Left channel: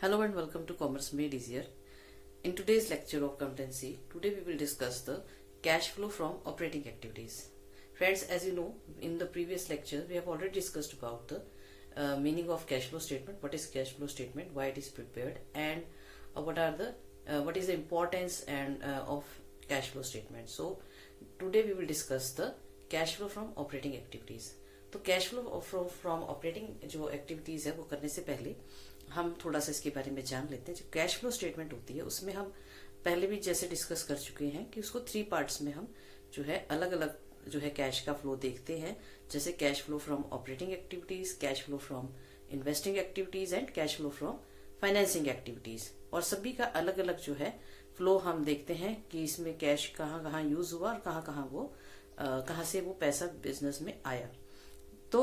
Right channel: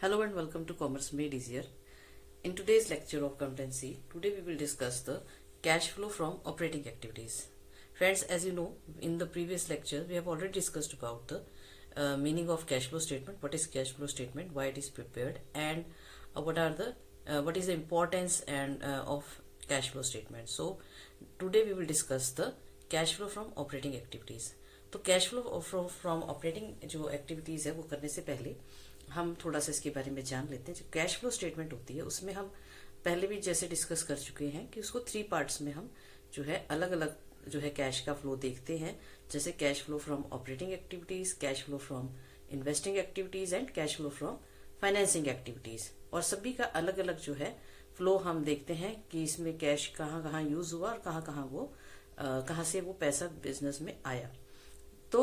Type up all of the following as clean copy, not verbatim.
Hello and welcome to Commerce Made Easier. In today's lecture of accountancy, today we will discuss the cash flow from operating activities. Friends, as you know, in the previous lecture, we have already discussed about the meaning of cash flow statement, what is cash flow statement, why it is prepared, and what is the importance and of cash flow statement. So today we will discuss the cash flow from operating activities. तो cash flow from operating जो activities है वो करने से पहले हम थोड़ा सा इसके बारे में जान लेते हैं। जो कैश फ्लो स्टेटमेंट होती है उसमें हम पहले भी जैसे डिस्कस कर चुके हैं कि उसको 3 पार्ट्स में हम जो है अलग अलग जो है कैश का फ्लो देखते हैं, जैसे cash flow from operating activities, cash flow from investing activities and cash flow from financing activities. और सभी का अलग अलग जो है फ्लो हम देखते हैं कि इसमें कैश कहाँ कहाँ यूज हुआ और कहाँ से वो पैसा बिजनेस में आया। तो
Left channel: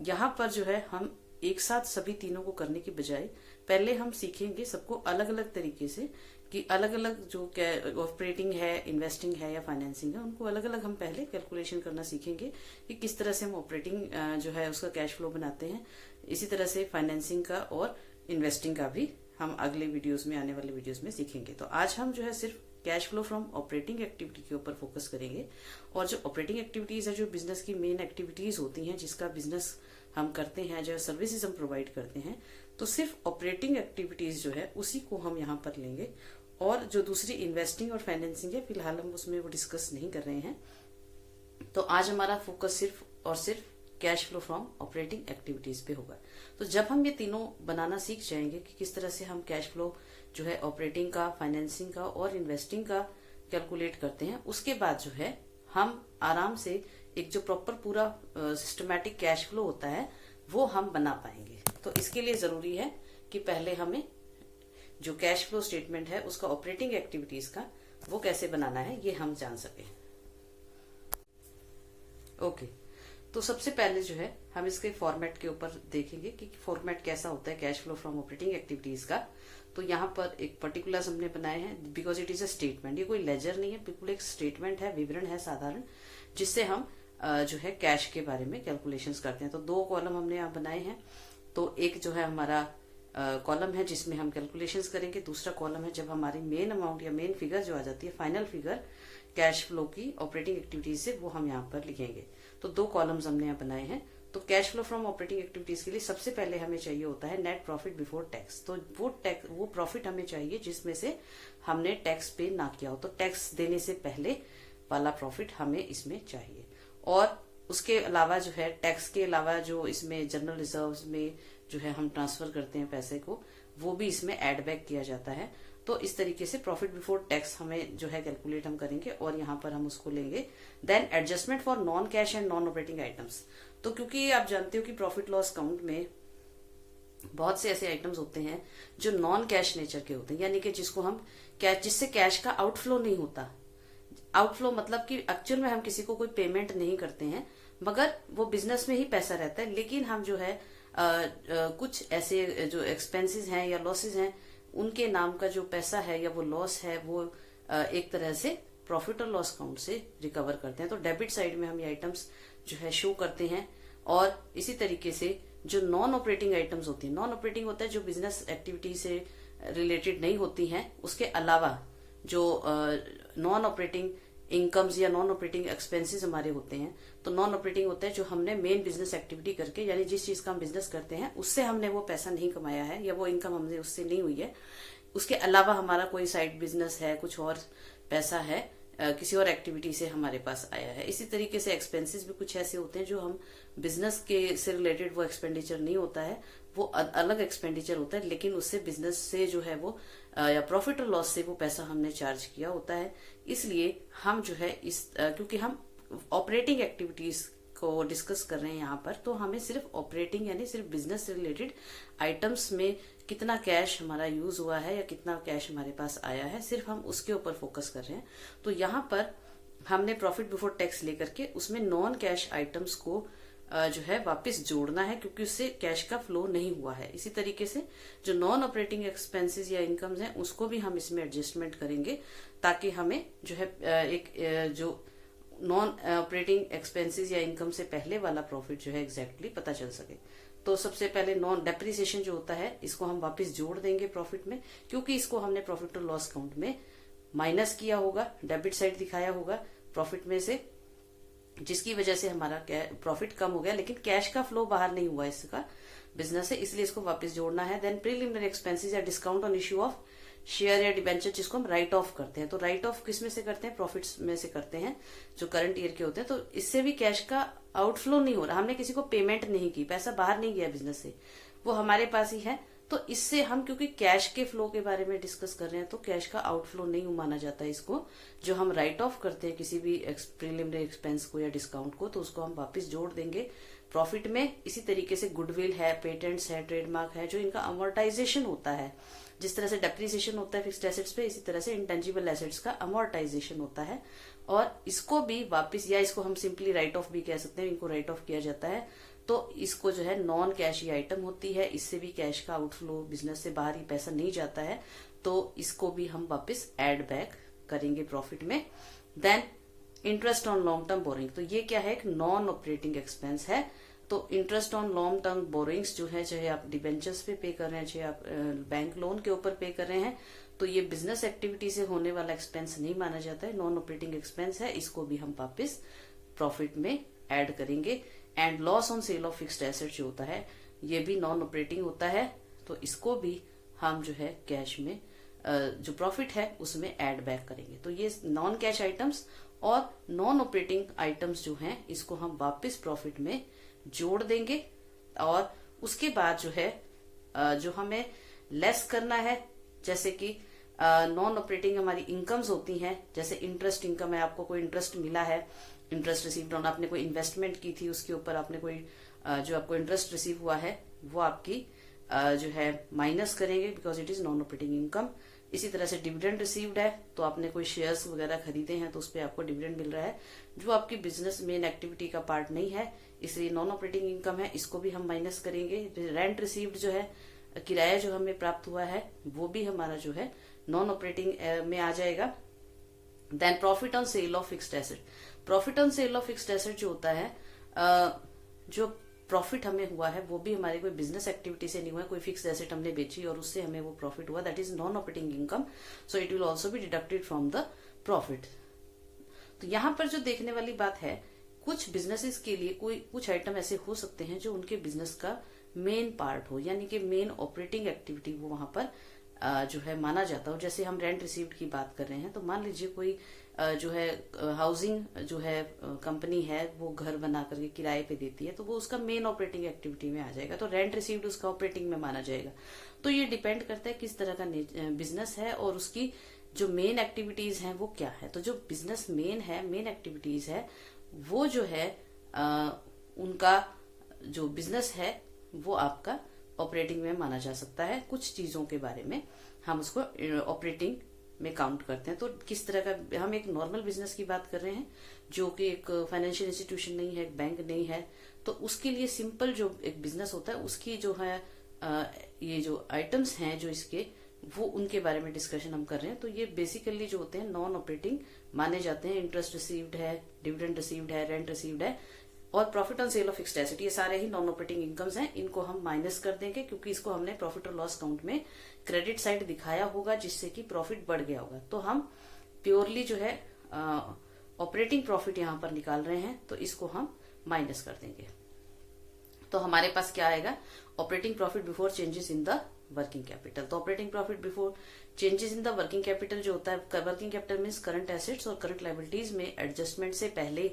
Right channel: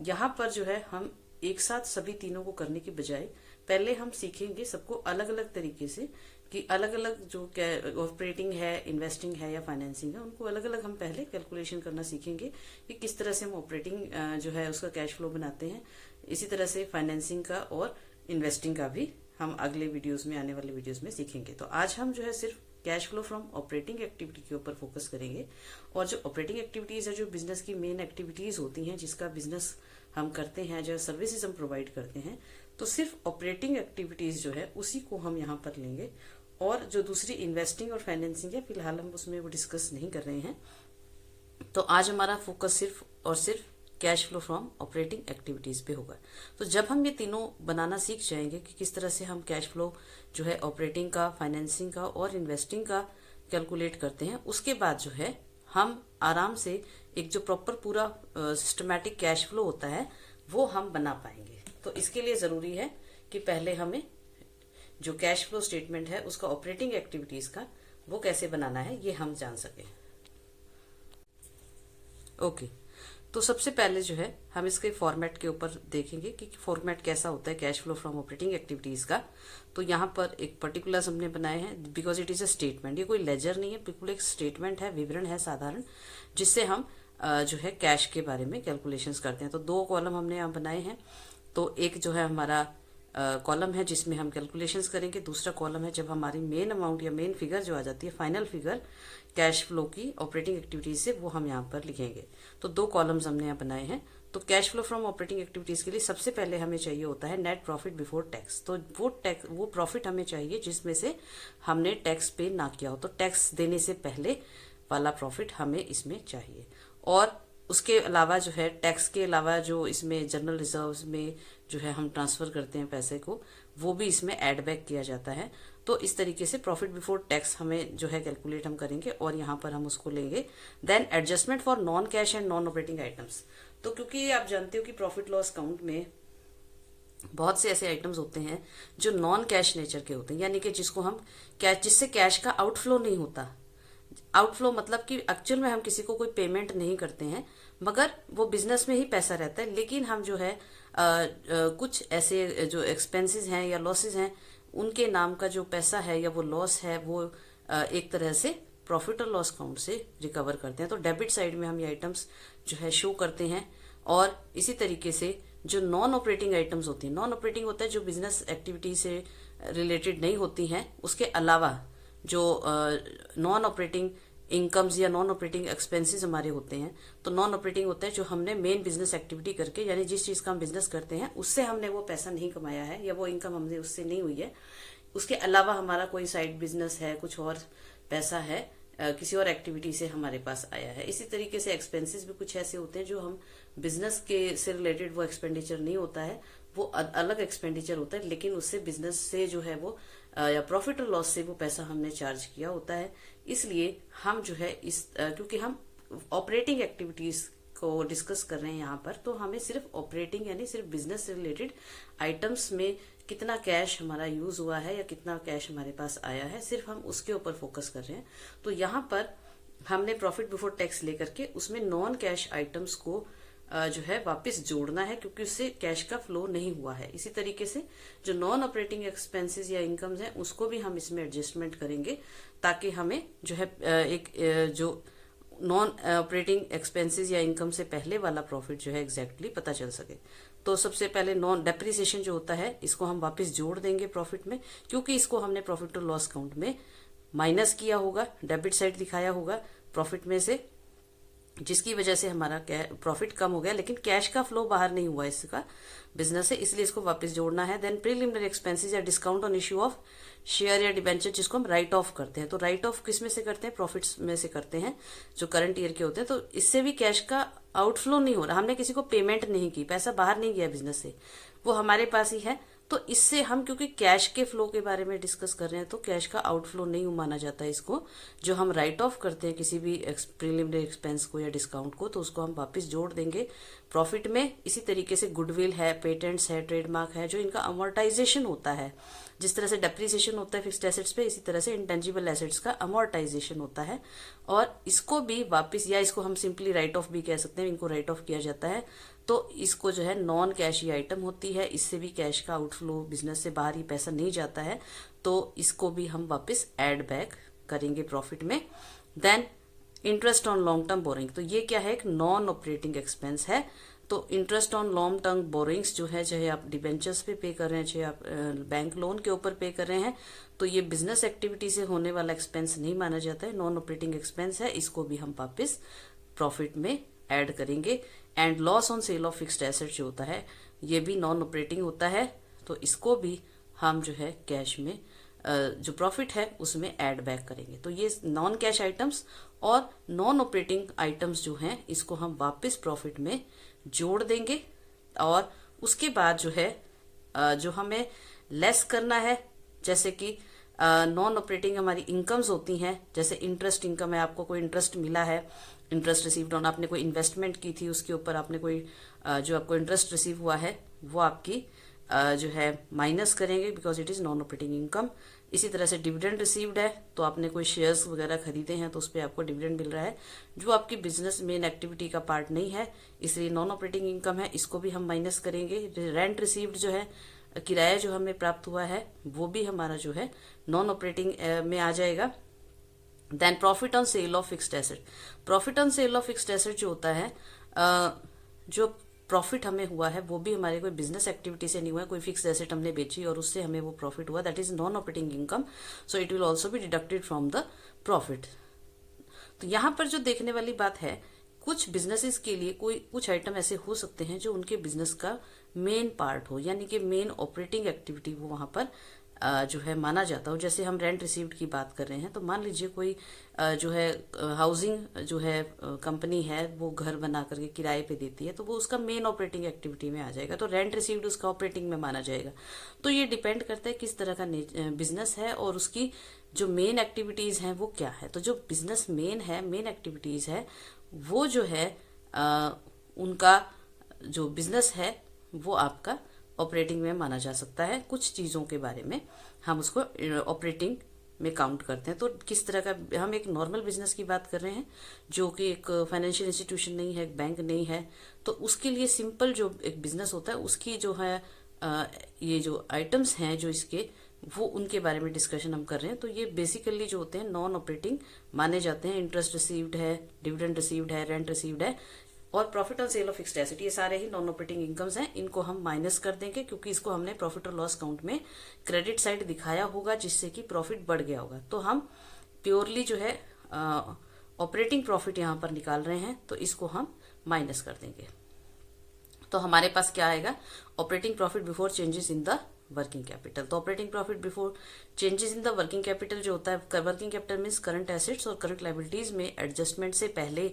यहाँ पर जो है हम एक साथ सभी तीनों को करने की बजाय पहले हम सीखेंगे सबको अलग अलग तरीके से कि अलग अलग जो ऑपरेटिंग है, इन्वेस्टिंग है या फाइनेंसिंग है, उनको अलग अलग हम पहले कैलकुलेशन करना सीखेंगे कि किस तरह से हम ऑपरेटिंग जो है उसका कैश फ्लो बनाते हैं। इसी तरह से फाइनेंसिंग का और इन्वेस्टिंग का भी हम अगले वीडियोस में, आने वाले वीडियोस में सीखेंगे। तो आज हम जो है सिर्फ cash flow from operating activity के ऊपर फोकस करेंगे। और जो ऑपरेटिंग एक्टिविटीज है, जो बिजनेस की मेन एक्टिविटीज होती हैं, जिसका बिजनेस हम करते हैं, जो सर्विसेज हम प्रोवाइड करते हैं, तो सिर्फ ऑपरेटिंग एक्टिविटीज जो है उसी को हम यहाँ पर लेंगे। और जो दूसरी इन्वेस्टिंग और फाइनेंसिंग है, फिलहाल हम उसमें वो डिस्कस नहीं कर रहे हैं। तो आज हमारा फोकस सिर्फ और सिर्फ cash flow from operating activities पे होगा। तो जब हम ये तीनों बनाना सीख जाएंगे कि किस तरह से हम कैश फ्लो जो है ऑपरेटिंग का, फाइनेंसिंग का और इन्वेस्टिंग का कैलकुलेट करते हैं, उसके बाद जो है हम आराम से एक जो प्रॉपर पूरा सिस्टमैटिक कैश फ्लो होता है वो हम बना पाएंगे। तो इसके लिए जरूरी है कि पहले हमें जो कैश फ्लो स्टेटमेंट है उसका ऑपरेटिंग एक्टिविटीज का वो कैसे बनाना है ये हम जान सके। ओके, तो सबसे पहले जो है हम इसके फॉर्मेट के ऊपर देखेंगे कि फॉर्मेट कैसा होता है cash flow from operating activities का। तो यहाँ पर एक पर्टिकुलर्स हमने बनाए हैं because it is a statement. ये कोई लेजर नहीं है, बिल्कुल एक स्टेटमेंट है, विवरण है साधारण, जिससे हम जो है कैश के बारे में कैलकुलेशंस करते हैं। तो 2 कॉलम हमने यहाँ बनाए हैं। तो एक जो है हमारा कॉलम है जिसमें हम कैलकुलेशंस करेंगे, दूसरा कॉलम है जब हमारी मेन अमाउंट या मेन फिगर जो आ जाती है, फाइनल फिगर कैश फ्लो की ऑपरेटिंग एक्टिविटीज से, वो हम यहाँ पर लिखेंगे। तो 2 कॉलम्स हमने यहाँ बनाए हैं। तो cash flow from operating activities के लिए सबसे पहले हमें चाहिए होता है नेट प्रॉफिट बिफोर टैक्स। तो वो प्रॉफिट हमें चाहिए जिसमें से हमने टैक्स पे ना किया हो। तो टैक्स देने से पहले वाला प्रॉफिट हमें इसमें चाहिए। और उसके अलावा जो है टैक्स के अलावा जो इसमें जनरल रिजर्व्स में जो है हम ट्रांसफर करते हैं पैसे को, वो भी इसमें एड बैक किया जाता है। तो इस तरीके से प्रॉफिट बिफोर टैक्स हमें जो है कैलकुलेट हम करेंगे और यहाँ पर हम उसको लेंगे। Then adjustment for non cash and non operating items. तो क्योंकि आप जानते हो कि प्रॉफिट लॉस अकाउंट में बहुत से ऐसे आइटम्स होते हैं जो नॉन कैश नेचर के होते हैं, यानी कि जिससे कैश का आउटफ्लो नहीं होता। आउटफ्लो मतलब कि एक्चुअल में हम किसी को कोई पेमेंट नहीं करते हैं, मगर वो बिजनेस में ही पैसा रहता है, लेकिन हम जो है कुछ ऐसे जो एक्सपेंसेस हैं या लॉसेस हैं, उनके नाम का जो पैसा है या वो लॉस है, वो एक तरह से प्रॉफिट और लॉस अकाउंट से रिकवर करते हैं। तो डेबिट साइड में हम ये आइटम्स जो है शो करते हैं। और इसी तरीके से जो नॉन ऑपरेटिंग आइटम्स होती है, नॉन ऑपरेटिंग होता है जो बिजनेस एक्टिविटी से रिलेटेड नहीं होती हैं, उसके अलावा जो नॉन ऑपरेटिंग इनकम्स या नॉन ऑपरेटिंग एक्सपेंसेस हमारे होते हैं। तो नॉन ऑपरेटिंग होता है जो हमने मेन बिजनेस एक्टिविटी करके, यानी जिस चीज का हम बिजनेस करते हैं उससे हमने वो पैसा नहीं कमाया है या वो इनकम हमने उससे नहीं हुई है, उसके अलावा हमारा कोई साइड बिजनेस है, कुछ और पैसा है, किसी और एक्टिविटी से हमारे पास आया है। इसी तरीके से एक्सपेंसेस भी कुछ ऐसे होते हैं जो हम बिजनेस के से रिलेटेड वो एक्सपेंडिचर नहीं होता है, वो अलग एक्सपेंडिचर होता है, लेकिन उससे बिजनेस से जो है वो या प्रॉफिट और लॉस से वो पैसा हमने चार्ज किया होता है। इसलिए हम जो है क्योंकि हम ऑपरेटिंग एक्टिविटीज को डिस्कस कर रहे हैं यहाँ पर, तो हमें सिर्फ ऑपरेटिंग यानी सिर्फ बिजनेस से रिलेटेड आइटम्स में कितना कैश हमारा यूज हुआ है या कितना कैश हमारे पास आया है, सिर्फ हम उसके ऊपर फोकस कर रहे हैं। तो यहाँ पर हमने प्रॉफिट बिफोर टैक्स लेकर के उसमें नॉन कैश आइटम्स को जो है वापस जोड़ना है, क्योंकि उससे कैश का फ्लो नहीं हुआ है। इसी तरीके से जो नॉन ऑपरेटिंग एक्सपेंसेस या इनकम्स हैं उसको भी हम इसमें एडजस्टमेंट करेंगे, ताकि हमें जो है एक जो नॉन ऑपरेटिंग एक्सपेंसेस या इनकम से पहले वाला प्रॉफिट जो है एग्जैक्टली पता चल सके। तो सबसे पहले नॉन डेप्रिसिएशन जो होता है इसको हम वापस जोड़ देंगे प्रॉफिट में, क्योंकि इसको हमने प्रॉफिट और लॉस अकाउंट में माइनस किया होगा, डेबिट साइड दिखाया होगा प्रॉफिट में से, जिसकी वजह से हमारा प्रॉफिट कम हो गया, लेकिन कैश का फ्लो बाहर नहीं हुआ इसका बिजनेस से, इसलिए इसको वापस जोड़ना है। देन प्रीलिमिनरी एक्सपेंसेस या discount on issue of share या डिबेंचर, जिसको हम राइट ऑफ करते हैं। तो राइट ऑफ किस में से करते हैं? प्रॉफिट्स में से करते हैं जो करंट ईयर के होते हैं। तो इससे भी कैश का आउटफ्लो नहीं हो रहा, हमने किसी को पेमेंट नहीं की, पैसा बाहर नहीं गया बिजनेस से, वो हमारे पास ही है। तो इससे हम क्योंकि कैश के फ्लो के बारे में डिस्कस कर रहे हैं तो कैश का आउटफ्लो नहीं माना जाता है इसको। जो हम राइट ऑफ करते हैं किसी भी प्रीलिमिनरी एक्सपेंस को या डिस्काउंट को, तो उसको हम वापस जोड़ देंगे प्रॉफिट में। इसी तरीके से गुडविल है, पेटेंट्स है, ट्रेडमार्क है, जो इनका अमोर्टाइजेशन होता है, जिस तरह से डेप्रिसिएशन होता है फिक्स्ड एसेट्स पे, इसी तरह से इंटेंजिबल एसेट्स का अमोर्टाइजेशन होता है। और इसको भी वापस, या इसको हम सिंपली राइट ऑफ भी कह सकते हैं, इनको राइट ऑफ किया जाता है। तो इसको जो है नॉन कैशी आइटम होती है, इससे भी कैश का आउटफ्लो, बिजनेस से बाहर ही पैसा नहीं जाता है, तो इसको भी हम वापस ऐड बैक करेंगे प्रॉफिट में। Then interest on long term borrowing, तो ये क्या है? एक नॉन ऑपरेटिंग एक्सपेंस है। तो interest on long term borrowings जो है, चाहे आप डिबेंचर्स पे कर रहे हैं, चाहे आप बैंक लोन के ऊपर पे कर रहे हैं, तो ये बिजनेस एक्टिविटी से होने वाला एक्सपेंस नहीं माना जाता है, नॉन ऑपरेटिंग एक्सपेंस है। इसको भी हम वापस प्रॉफिट में ऐड करेंगे। And loss on sale of fixed asset जो होता है, ये भी नॉन ऑपरेटिंग होता है, तो इसको भी हम जो है कैश में जो प्रॉफिट है उसमें ऐड बैक करेंगे। तो ये नॉन कैश आइटम्स और नॉन ऑपरेटिंग आइटम्स जो हैं, इसको हम वापस प्रॉफिट में जोड़ देंगे। और उसके बाद जो है जो हमें लेस करना है, जैसे कि नॉन ऑपरेटिंग हमारी इनकम्स होती हैं, जैसे इंटरेस्ट इनकम है, आपको कोई इंटरेस्ट मिला है, इंटरेस्ट रिसीव्ड ऑन, आपने कोई इन्वेस्टमेंट की थी, उसके ऊपर आपने कोई जो आपको इंटरेस्ट रिसीव हुआ है वो आपकी जो है माइनस करेंगे, because it is non operating income. इसी तरह से डिविडेंड रिसीव्ड है, तो आपने कोई शेयर्स वगैरह खरीदे हैं तो उस पर आपको डिविडेंड मिल रहा है, जो आपकी बिजनेस मेन एक्टिविटी का पार्ट नहीं है, इसलिए नॉन ऑपरेटिंग इनकम है, इसको भी हम माइनस करेंगे। रेंट रिसीव्ड जो है, किराया जो हमें प्राप्त हुआ है, वो भी हमारा जो है नॉन ऑपरेटिंग में आ जाएगा। Then profit on sale of fixed asset, profit on sale of fixed asset जो होता है, जो प्रॉफिट हमें हुआ है वो भी हमारे कोई बिजनेस एक्टिविटी से नहीं हुआ है, कोई फिक्स्ड एसेट हमने बेची और उससे हमें वो प्रॉफिट हुआ, that is non operating income, so it will also be deducted from the profit. तो यहां पर जो देखने वाली बात है, कुछ बिजनेसेस के लिए कोई कुछ आइटम ऐसे हो सकते हैं जो उनके बिजनेस का मेन पार्ट हो, यानी कि मेन ऑपरेटिंग एक्टिविटी वो वहां पर जो है माना जाता हो। जैसे हम रेंट रिसीव्ड की बात कर रहे हैं, तो मान लीजिए कोई जो है हाउसिंग जो है कंपनी है, वो घर बना करके किराए पे देती है, तो वो उसका मेन ऑपरेटिंग एक्टिविटी में आ जाएगा, तो रेंट रिसीव्ड उसका ऑपरेटिंग में माना जाएगा। तो ये डिपेंड करता है किस तरह का बिजनेस है और उसकी जो मेन एक्टिविटीज हैं वो क्या है। तो जो बिजनेस मेन है, मेन एक्टिविटीज है, वो जो है उनका जो बिजनेस है वो आपका ऑपरेटिंग में माना जा सकता है। कुछ चीजों के बारे में हम उसको ऑपरेटिंग में काउंट करते हैं। तो किस तरह का, हम एक नॉर्मल बिजनेस की बात कर रहे हैं जो कि एक फाइनेंशियल इंस्टीट्यूशन नहीं है, एक बैंक नहीं है, तो उसके लिए सिंपल जो एक बिजनेस होता है उसकी जो है ये जो आइटम्स हैं जो इसके, वो उनके बारे में डिस्कशन हम कर रहे हैं। तो ये बेसिकली जो होते हैं नॉन ऑपरेटिंग माने जाते हैं। इंटरेस्ट रिसीव्ड है, डिविडेंड रिसीव्ड है, रेंट रिसीव्ड है और profit on sale of fixed asset, ये सारे ही नॉन ऑपरेटिंग इनकम्स हैं। इनको हम माइनस कर देंगे क्योंकि इसको हमने प्रॉफिट और लॉस अकाउंट में क्रेडिट साइड दिखाया होगा, जिससे कि प्रॉफिट बढ़ गया होगा। तो हम प्योरली जो है ऑपरेटिंग प्रॉफिट यहां पर निकाल रहे हैं, तो इसको हम माइनस कर देंगे। तो हमारे पास क्या आएगा? Operating profit before changes in the working capital. तो operating profit before changes in the working capital जो होता है, working capital means current assets और करंट लायबिलिटीज में एडजस्टमेंट से पहले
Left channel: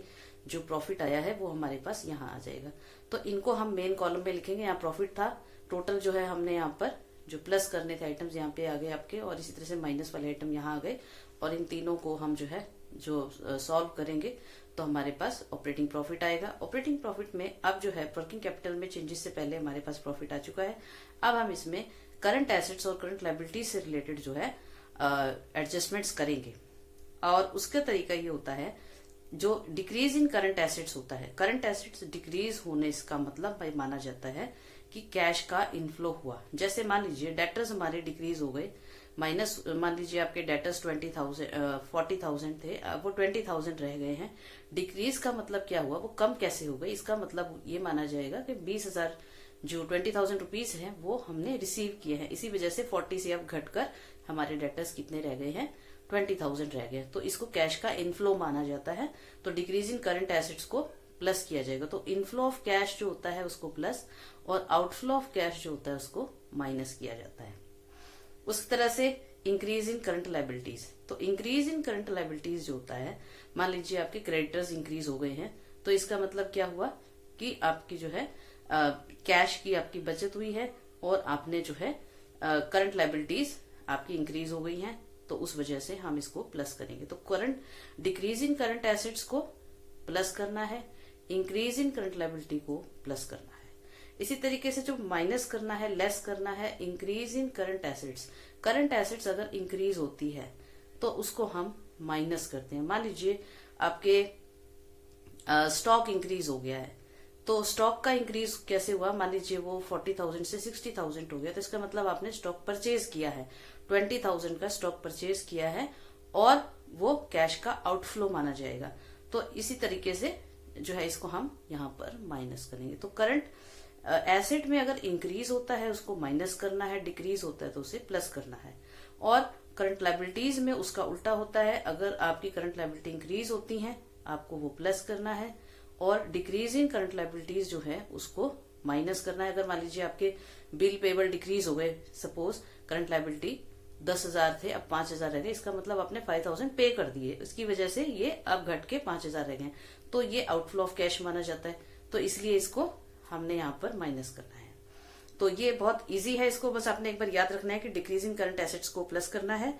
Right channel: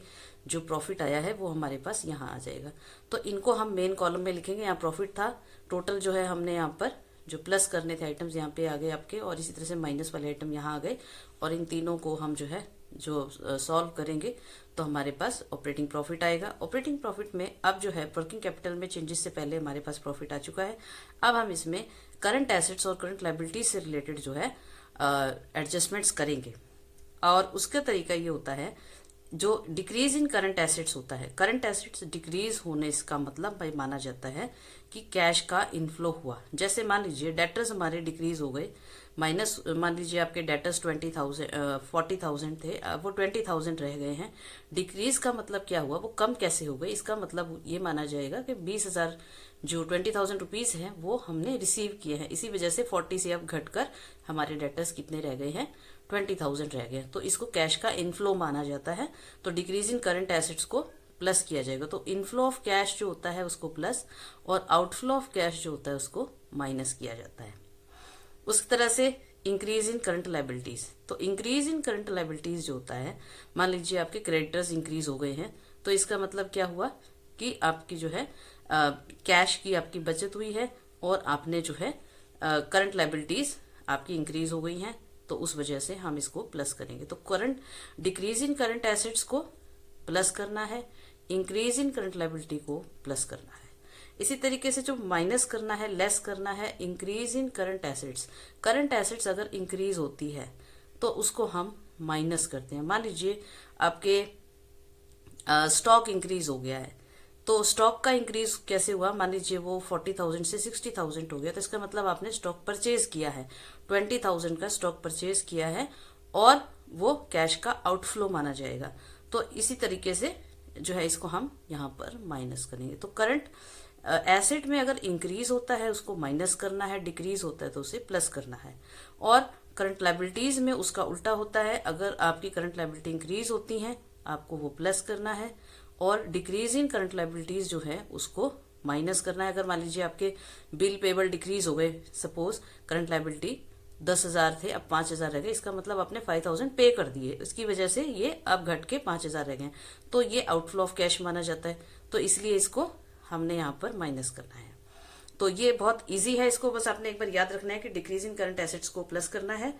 जो प्रॉफिट आया है वो हमारे पास यहाँ आ जाएगा। तो इनको हम मेन कॉलम में लिखेंगे। यहाँ प्रॉफिट था टोटल, जो है हमने यहाँ पर जो प्लस करने थे आइटम्स यहाँ पे आ गए आपके, और इसी तरह से माइनस वाले आइटम यहाँ आ गए, और इन तीनों को हम जो है जो सॉल्व करेंगे तो हमारे पास ऑपरेटिंग प्रॉफिट आएगा। ऑपरेटिंग प्रॉफिट में अब जो है वर्किंग कैपिटल में चेंजेस से पहले हमारे पास प्रॉफिट आ चुका है। अब हम इसमें करंट एसेट्स और करंट लायबिलिटीज से रिलेटेड जो है एडजस्टमेंट्स करेंगे, और उसका तरीका ये होता है, जो डिक्रीज इन करंट एसेट्स होता है, करंट एसेट्स डिक्रीज होने इसका मतलब माना जाता है कि कैश का इनफ्लो हुआ। जैसे मान लीजिए डेटर्स हमारे डिक्रीज हो गए, माइनस मान लीजिए आपके डेटर्स 40,000 थे, वो 20,000 रह गए हैं। डिक्रीज का मतलब क्या हुआ, वो कम कैसे हो गए, इसका मतलब ये माना जाएगा कि 20,000 जो 20,000 रुपीज है वो हमने रिसीव किए हैं, इसी वजह से 40 से अब घटकर हमारे डेटर्स कितने रह गए हैं, 20,000 रह गए। तो इसको कैश का इनफ्लो माना जाता है। तो डिक्रीज इन करंट एसेट्स को प्लस किया जाएगा। तो इनफ्लो ऑफ कैश जो होता है उसको प्लस और आउटफ्लो ऑफ कैश जो होता है उसको माइनस किया जाता है। उस तरह से इंक्रीज इन करंट लाइबिलिटीज, तो इंक्रीज इन करंट लाइबिलिटीज जो होता है, मान लीजिए आपके क्रेडिटर्स इंक्रीज हो गए हैं, तो इसका मतलब क्या हुआ कि आपकी जो है कैश की आपकी बचत हुई है और आपने जो है करंट लाइबिलिटीज आपकी इंक्रीज हो गई हैं, तो उस वजह से हम इसको प्लस करेंगे। तो current decrease in current assets को प्लस करना है, इंक्रीज इन करंट लाइबिलिटी को प्लस करना है। इसी तरीके से जो माइनस करना है, लेस करना है, increase in current assets. Current assets अगर इंक्रीज होती है तो उसको हम माइनस करते हैं। मान लीजिए आपके स्टॉक इंक्रीज हो गया है, तो स्टॉक का इंक्रीज कैसे हुआ, मान लीजिए वो 40,000 से 60,000 हो गया, तो इसका मतलब आपने स्टॉक परचेज किया है, 20,000 का स्टॉक परचेज किया है और वो कैश का आउटफ्लो माना जाएगा। तो इसी तरीके से जो है इसको हम यहाँ पर माइनस करेंगे। तो करंट एसेट में अगर इंक्रीज होता है उसको माइनस करना है, डिक्रीज होता है तो उसे प्लस करना है। और करंट लाइबिलिटीज में उसका उल्टा होता है, अगर आपकी करंट लाइबिलिटी इंक्रीज होती है आपको वो प्लस करना है और डिक्रीज इन करंट लाइबिलिटीज जो है उसको माइनस करना है। अगर मान लीजिए आपके बिल पेबल डिक्रीज हो गए, सपोज करंट लाइबिलिटी 10,000 थे अब 5,000 रह गए, इसका मतलब आपने 5,000 पे कर दिए, इसकी वजह से ये अब घट के 5,000 रह गए, तो ये आउटफ्लो ऑफ कैश माना जाता है। तो इसलिए इसको हमने यहाँ पर माइनस करना है। तो ये बहुत इजी है, इसको बस आपने एक बार याद रखना है कि डिक्रीज इन करंट एसेट्स को प्लस करना है,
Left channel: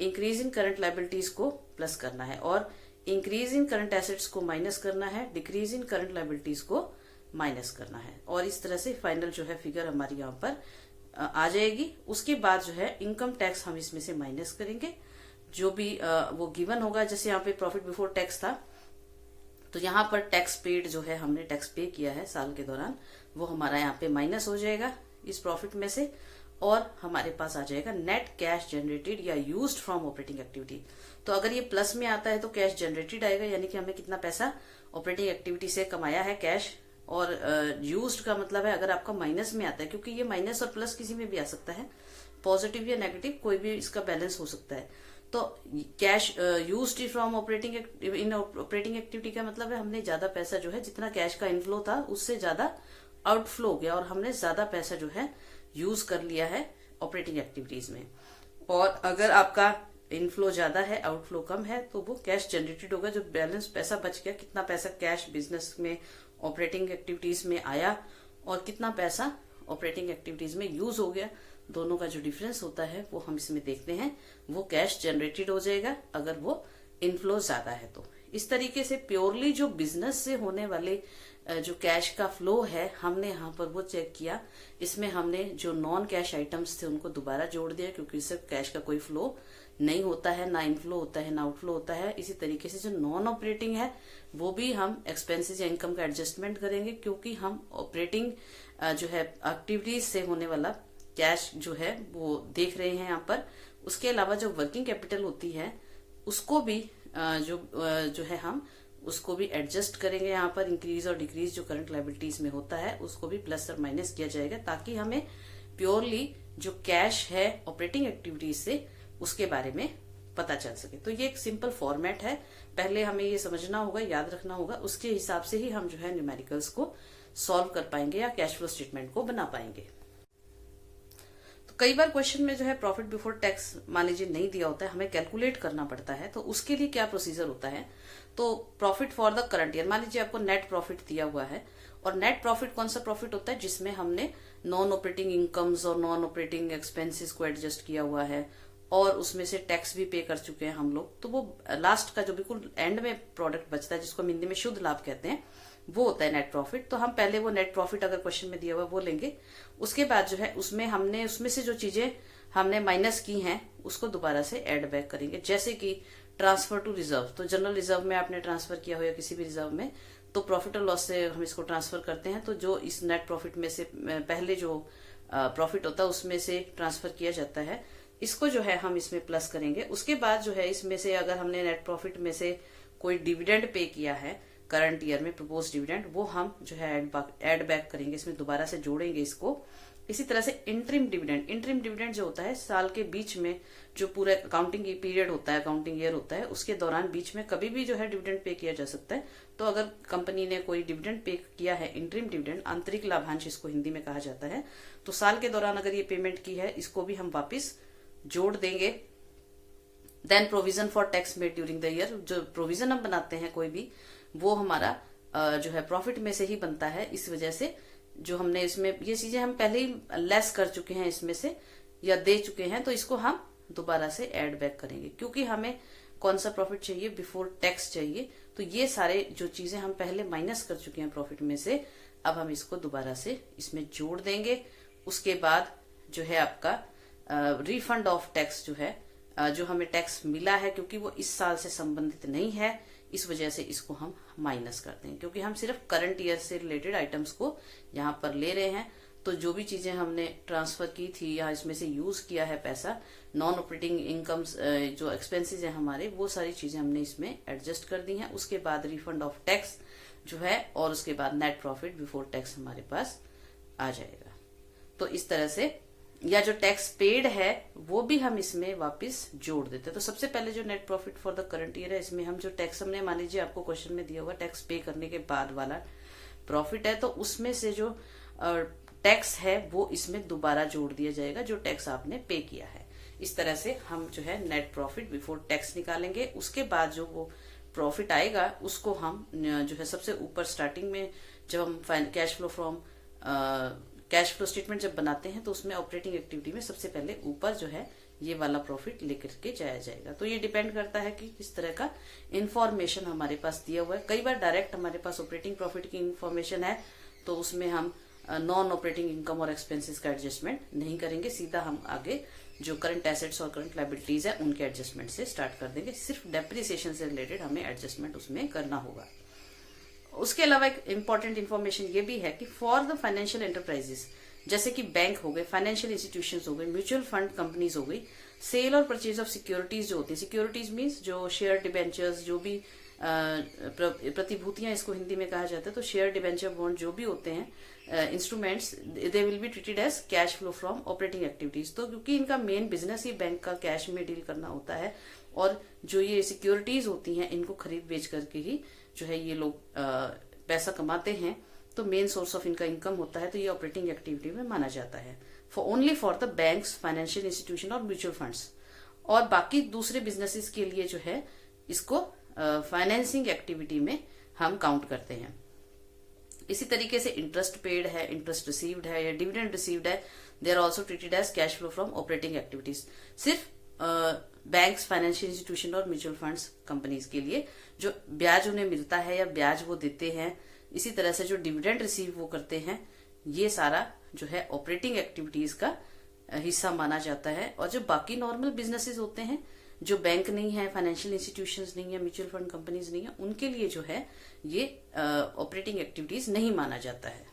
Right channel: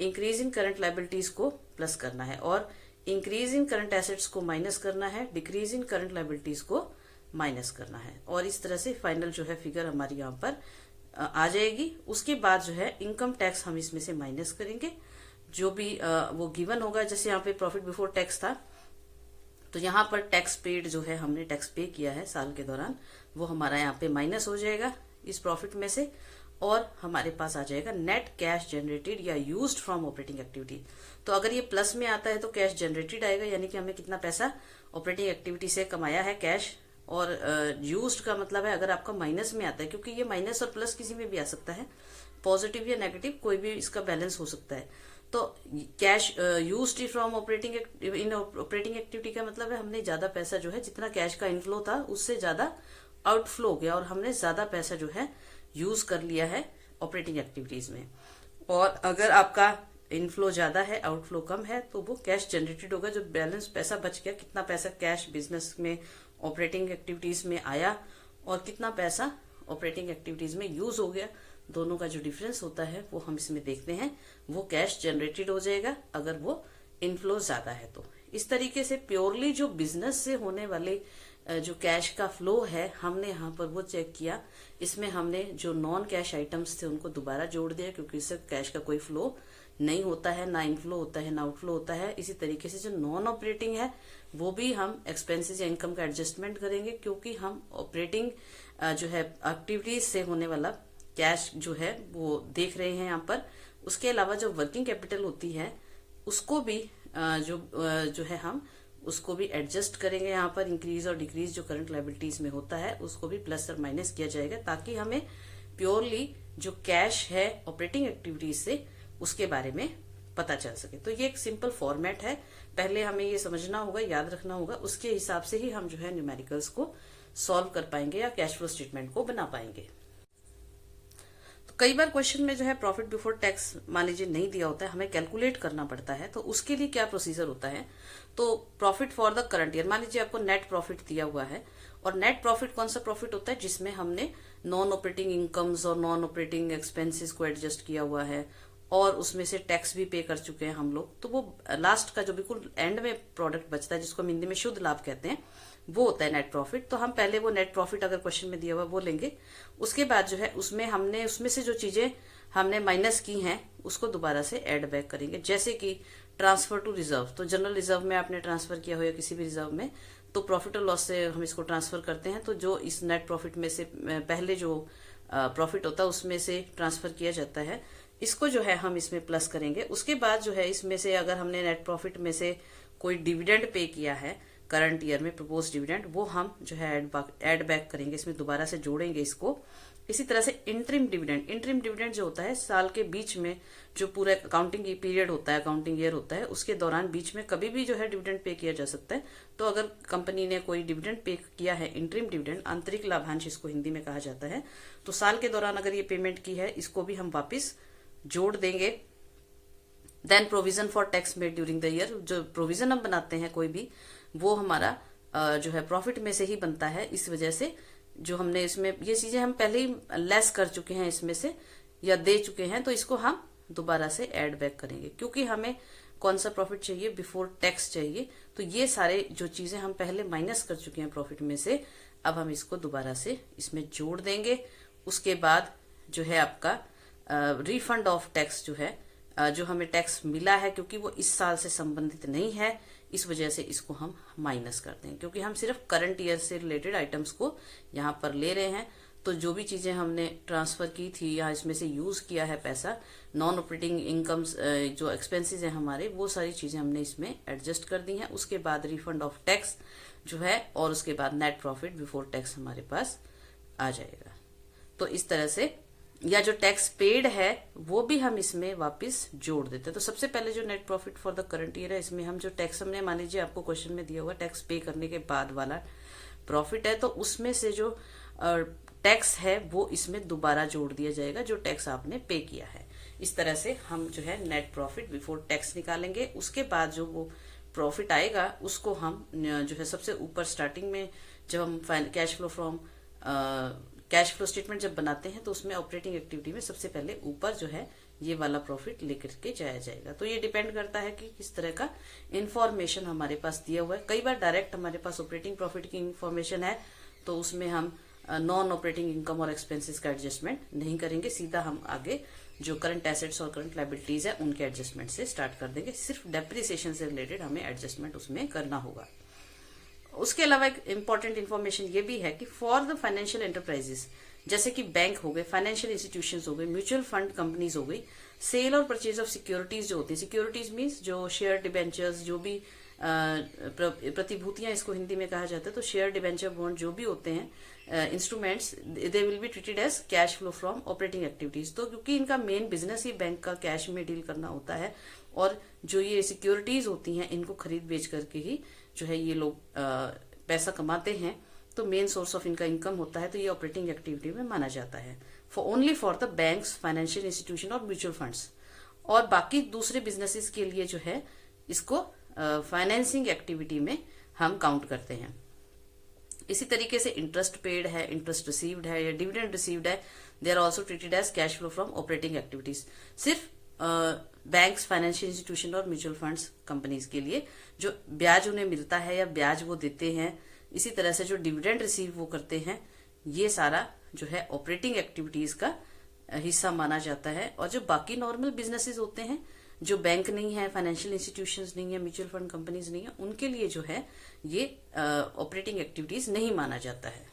इंक्रीज इन करंट लाइबिलिटीज को प्लस करना है और इंक्रीज इन करंट एसेट्स को माइनस करना है, डिक्रीज इन करंट लाइबिलिटीज को माइनस करना है। और इस तरह से फाइनल जो है फिगर हमारी यहाँ पर आ जाएगी। उसके बाद जो है इनकम टैक्स हम इसमें से माइनस करेंगे, जो भी वो गिवन होगा। जैसे यहाँ पे प्रॉफिट बिफोर टैक्स था, तो यहाँ पर टैक्स पेड जो है हमने टैक्स पे किया है साल के दौरान, वो हमारा यहाँ पे माइनस हो जाएगा इस प्रॉफिट में से और हमारे पास आ जाएगा नेट कैश जनरेटेड या यूज्ड फ्रॉम ऑपरेटिंग एक्टिविटी। तो अगर ये प्लस में आता है तो कैश जनरेटेड आएगा, यानी कि हमें कितना पैसा ऑपरेटिंग एक्टिविटी से कमाया है कैश, और यूज्ड का मतलब है अगर आपका माइनस में आता है, क्योंकि ये माइनस और प्लस किसी में भी आ सकता है, पॉजिटिव या नेगेटिव कोई भी इसका बैलेंस हो सकता है। तो cash used from operating in operating activity का मतलब है हमने ज्यादा पैसा जो है, जितना कैश का इनफ्लो था उससे ज्यादा आउटफ्लो हो गया और हमने ज्यादा पैसा जो है यूज कर लिया है ऑपरेटिंग एक्टिविटीज में। और अगर आपका इनफ्लो ज्यादा है आउटफ्लो कम है तो वो कैश जनरेटेड होगा, जो बैलेंस पैसा बच गया, कितना पैसा कैश बिजनेस में ऑपरेटिंग एक्टिविटीज में आया और कितना पैसा ऑपरेटिंग एक्टिविटीज में यूज हो गया, दोनों का जो डिफरेंस होता है वो हम इसमें देखते हैं, वो कैश जनरेटेड हो जाएगा अगर वो इनफ्लो ज्यादा है। तो इस तरीके से प्योरली जो बिजनेस से होने वाले जो कैश का फ्लो है हमने यहाँ पर वो चेक किया। इसमें हमने जो नॉन कैश आइटम्स थे उनको दोबारा जोड़ दिया, क्योंकि इससे कैश का कोई फ्लो नहीं होता है, ना इनफ्लो होता है ना आउटफ्लो होता है। इसी तरीके से जो नॉन ऑपरेटिंग है वो भी हम एक्सपेंसेस या इनकम का एडजस्टमेंट करेंगे, क्योंकि हम ऑपरेटिंग जो है एक्टिविटीज से होने वाला कैश जो है वो देख रहे हैं यहाँ पर। उसके अलावा जो वर्किंग कैपिटल होती है उसको भी जो है हम उसको भी एडजस्ट करेंगे यहाँ पर। इंक्रीज और डिक्रीज जो करंट लायबिलिटीज में होता है उसको भी प्लस और माइनस किया जाएगा, ताकि हमें प्योरली जो कैश है ऑपरेटिंग एक्टिविटीज से उसके बारे में पता चल सके। तो ये एक सिंपल फॉर्मेट है, पहले हमें ये समझना होगा, याद रखना होगा, उसके हिसाब से ही हम जो है न्यूमेरिकल्स को सॉल्व कर पाएंगे या कैश फ्लो स्टेटमेंट को बना पाएंगे। तो कई बार क्वेश्चन में जो है प्रॉफिट बिफोर टैक्स मान लीजिए नहीं दिया होता है, हमें कैलकुलेट करना पड़ता है। तो उसके लिए क्या प्रोसीजर होता है, तो profit for the current year, मान लीजिए आपको नेट प्रॉफिट दिया हुआ है, और नेट प्रॉफिट कौन सा प्रॉफिट होता है जिसमें हमने नॉन ऑपरेटिंग इनकम्स और नॉन ऑपरेटिंग एक्सपेंसेस को एडजस्ट किया हुआ है और उसमें से टैक्स भी पे कर चुके हैं हम लोग। तो वो लास्ट का जो बिल्कुल एंड में प्रोडक्ट बचता है जिसको हम हिंदी में शुद्ध लाभ कहते हैं, वो होता है नेट प्रॉफिट। तो हम पहले वो नेट प्रॉफिट अगर क्वेश्चन में दिया हुआ वो लेंगे, उसके बाद जो है उसमें से जो चीजें हमने माइनस की हैं उसको दोबारा से एड बैक करेंगे। जैसे कि ट्रांसफर टू रिजर्व, तो जनरल रिजर्व में आपने ट्रांसफर किया हो या किसी भी रिजर्व में, तो प्रॉफिट और लॉस से हम इसको ट्रांसफर करते हैं। तो जो इस नेट प्रॉफिट में से पहले जो प्रॉफिट होता है उसमें से ट्रांसफर किया जाता है, इसको जो है हम इसमें प्लस करेंगे। उसके बाद जो है इसमें से अगर हमने नेट प्रॉफिट में से कोई डिविडेंड पे किया है करंट ईयर में प्रपोज डिविडेंड, वो हम जो है ऐड बैक करेंगे, इसमें दोबारा से जोड़ेंगे इसको। इसी तरह से इंटरिम डिविडेंड जो होता है साल के बीच में, जो पूरा अकाउंटिंग पीरियड होता है, अकाउंटिंग ईयर होता है, उसके दौरान बीच में कभी भी जो है डिविडेंड पे किया जा सकता है। तो अगर कंपनी ने कोई डिविडेंड पे किया है, इंटरिम डिविडेंड, आंतरिक लाभांश इसको हिंदी में कहा जाता है, तो साल के दौरान अगर ये पेमेंट की है, इसको भी हम वापिस जोड़ देंगे। Then provision for tax made during the year, जो प्रोविजन हम बनाते हैं कोई भी, वो हमारा जो है प्रॉफिट में से ही बनता है। इस वजह से जो हमने इसमें ये चीजें हम पहले ही लेस कर चुके हैं इसमें से या दे चुके हैं, तो इसको हम दोबारा से ऐड बैक करेंगे, क्योंकि हमें कौन सा प्रॉफिट चाहिए, बिफोर टैक्स चाहिए। तो ये सारे जो चीजें हम पहले माइनस कर चुके हैं प्रॉफिट में से, अब हम इसको दोबारा से इसमें जोड़ देंगे। उसके बाद जो है आपका रिफंड ऑफ टैक्स जो है, जो हमें टैक्स मिला है, क्योंकि वो इस साल से संबंधित नहीं है, इस वजह से इसको हम माइनस करते हैं, क्योंकि हम सिर्फ करंट ईयर से रिलेटेड आइटम्स को यहाँ पर ले रहे हैं। तो जो भी चीजें हमने ट्रांसफर की थी या इसमें से यूज किया है पैसा, नॉन ऑपरेटिंग इनकम्स जो एक्सपेंसेस है हमारे, वो सारी चीजें हमने इसमें एडजस्ट कर दी हैं। उसके बाद रिफंड ऑफ टैक्स जो है, और उसके बाद नेट प्रॉफिट बिफोर टैक्स हमारे पास आ जाएगा। तो इस तरह से, या जो टैक्स पेड है वो भी हम इसमें वापस जोड़ देते हैं। तो सबसे पहले जो net profit for the current year है, इसमें हम जो टैक्स, हमने मान लीजिए आपको क्वेश्चन में दिया हुआ टैक्स पे करने के बाद वाला प्रॉफिट है, तो उसमें से जो टैक्स है वो इसमें दोबारा जोड़ दिया जाएगा, जो टैक्स आपने पे किया है। इस तरह से हम जो है नेट प्रॉफिट बिफोर टैक्स निकालेंगे। उसके बाद जो वो प्रॉफिट आएगा उसको हम जो है सबसे ऊपर स्टार्टिंग में, जब हम कैश फ्लो स्टेटमेंट जब बनाते हैं, तो उसमें ऑपरेटिंग एक्टिविटी में सबसे पहले ऊपर जो है ये वाला प्रॉफिट लेकर के जाया जाएगा। तो ये डिपेंड करता है कि किस तरह का इंफॉर्मेशन हमारे पास दिया हुआ है। कई बार डायरेक्ट हमारे पास ऑपरेटिंग प्रॉफिट की इंफॉर्मेशन है, तो उसमें हम नॉन ऑपरेटिंग इनकम और एक्सपेंसेस का एडजस्टमेंट नहीं करेंगे, सीधा हम आगे जो करंट एसेट्स और करंट लायबिलिटीज है उनके एडजस्टमेंट से स्टार्ट कर देंगे। सिर्फ डेप्रिसिएशन से रिलेटेड हमें एडजस्टमेंट उसमें करना होगा। उसके अलावा एक इम्पॉर्टेंट इन्फॉर्मेशन ये भी है कि फॉर द फाइनेंशियल एंटरप्राइजेस, जैसे कि बैंक हो गए, फाइनेंशियल इंस्टीट्यूशंस हो गए, म्यूचुअल फंड कंपनीज हो गई, सेल और परचेज ऑफ सिक्योरिटीज जो होती है, सिक्योरिटीज मीन्स जो शेयर डिबेंचर्स, जो भी प्रतिभूतियां इसको हिंदी में कहा जाता है, तो शेयर डिबेंचर बॉन्ड जो भी होते हैं instruments, they will be treated as cash flow from operating activities. तो क्योंकि इनका मेन बिजनेस ही बैंक का कैश में डील करना होता है, और जो ये सिक्योरिटीज होती हैं इनको खरीद बेच करके ही जो है ये लोग पैसा कमाते हैं, तो मेन सोर्स ऑफ इनका इनकम होता है, तो ये ऑपरेटिंग एक्टिविटी में माना जाता है। Only for the banks, financial institution और म्यूचुअल फंड्स। और बाकी दूसरे बिजनेसेस के लिए जो है इसको फाइनेंसिंग एक्टिविटी में हम काउंट करते हैं। इसी तरीके से इंटरेस्ट पेड है, इंटरेस्ट रिसीव्ड है या डिविडेंड रिसीव्ड है, they are also treated as cash flow from operating activities. सिर्फ बैंक्स, फाइनेंशियल इंस्टीट्यूशन और म्यूचुअल फंड्स कंपनीज के लिए जो ब्याज उन्हें मिलता है या ब्याज वो देते हैं, इसी तरह से जो डिविडेंड रिसीव वो करते हैं, ये सारा जो है ऑपरेटिंग एक्टिविटीज का हिस्सा माना जाता है। और जो बाकी नॉर्मल बिजनेसेस होते हैं, जो बैंक नहीं है, फाइनेंशियल इंस्टीट्यूशंस नहीं है, म्यूचुअल फंड कंपनीज नहीं है, उनके लिए जो है ये ऑपरेटिंग एक्टिविटीज नहीं माना जाता है।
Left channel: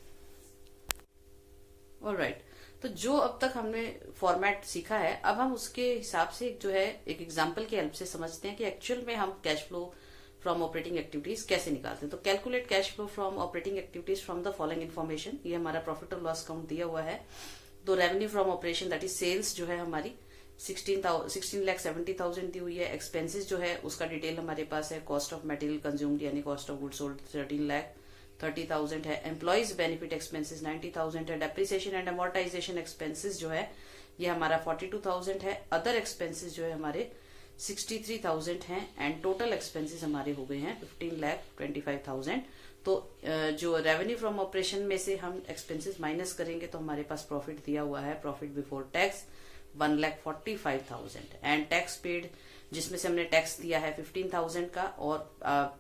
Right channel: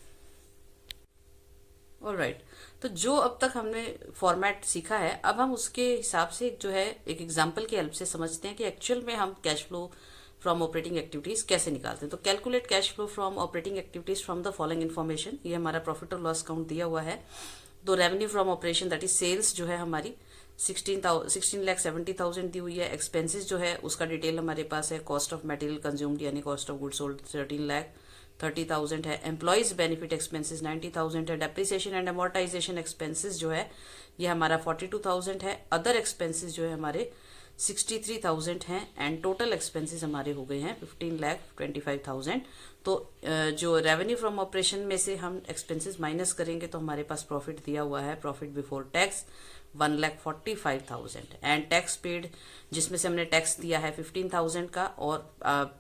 ऑलराइट, तो जो अब तक हमने फॉर्मेट सीखा है, अब हम उसके हिसाब से जो है एक एग्जांपल की हेल्प से समझते हैं कि एक्चुअल में हम cash flow from operating activities कैसे निकालते हैं। तो calculate cash flow from operating activities from the following information, ये हमारा प्रॉफिट और लॉस अकाउंट दिया हुआ है। तो revenue from operation that is sales जो है हमारी 16,70,000 दी हुई है। एक्सपेंसेस जो है उसका डिटेल हमारे पास है, कॉस्ट ऑफ मटेरियल कंज्यूम्ड यानी कॉस्ट ऑफ गुड्स सोल्ड 13,30,000 है। एम्प्लॉइज बेनिफिट एक्सपेंसेस 90,000 है। डेप्रिसिएशन एंड अमोर्टाइजेशन एक्सपेंसेस जो है ये हमारा 42,000 है। अदर एक्सपेंसेस जो है हमारे 63,000 हैं एंड टोटल एक्सपेंसेस हमारे हो गए हैं 15,25,000। तो जो रेवेन्यू फ्रॉम ऑपरेशन में से हम एक्सपेंसेस माइनस करेंगे तो हमारे पास प्रॉफिट दिया हुआ है, profit before tax 1,45,000 and tax paid जिसमें से हमने टैक्स दिया है 15,000 का, और